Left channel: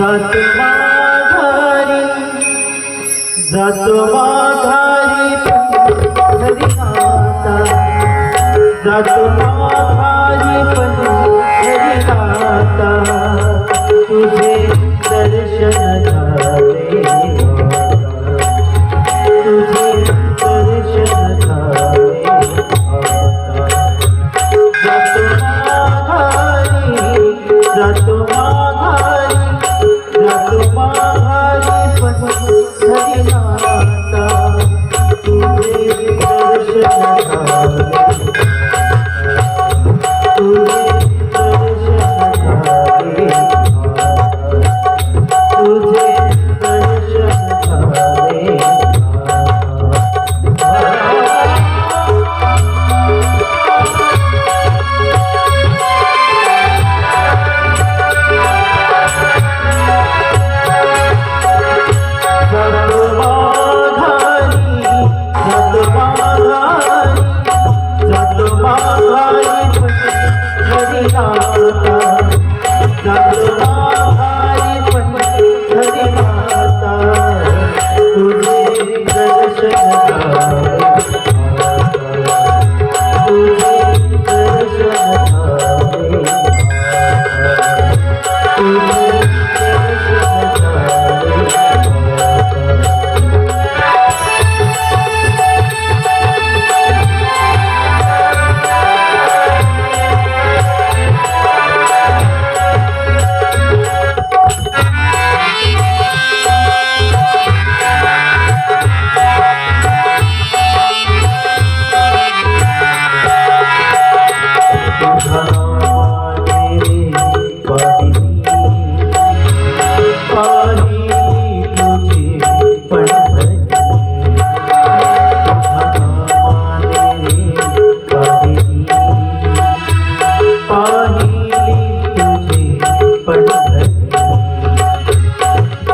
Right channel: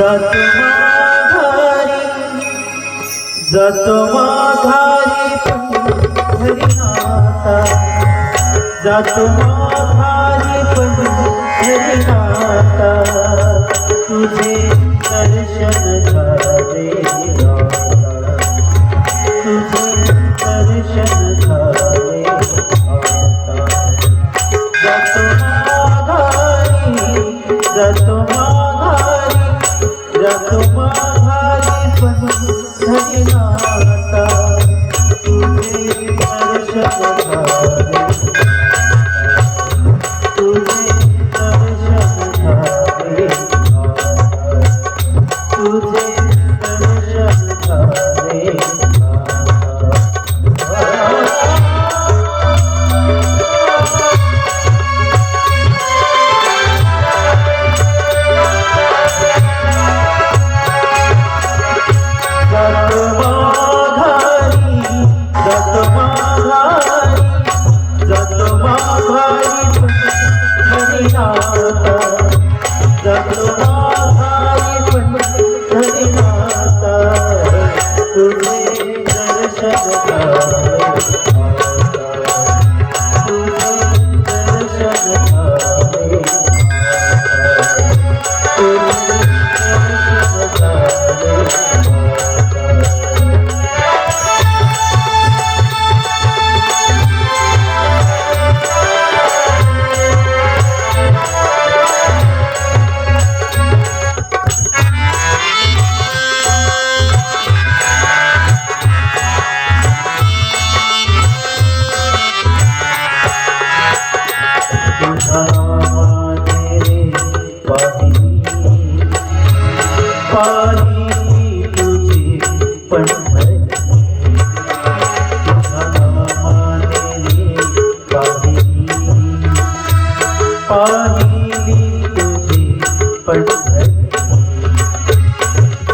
जतवाधारी जतवाधारी पंढरीनाथा जतवाधारी पंढरीनाथा तुझे दर्शन झाले.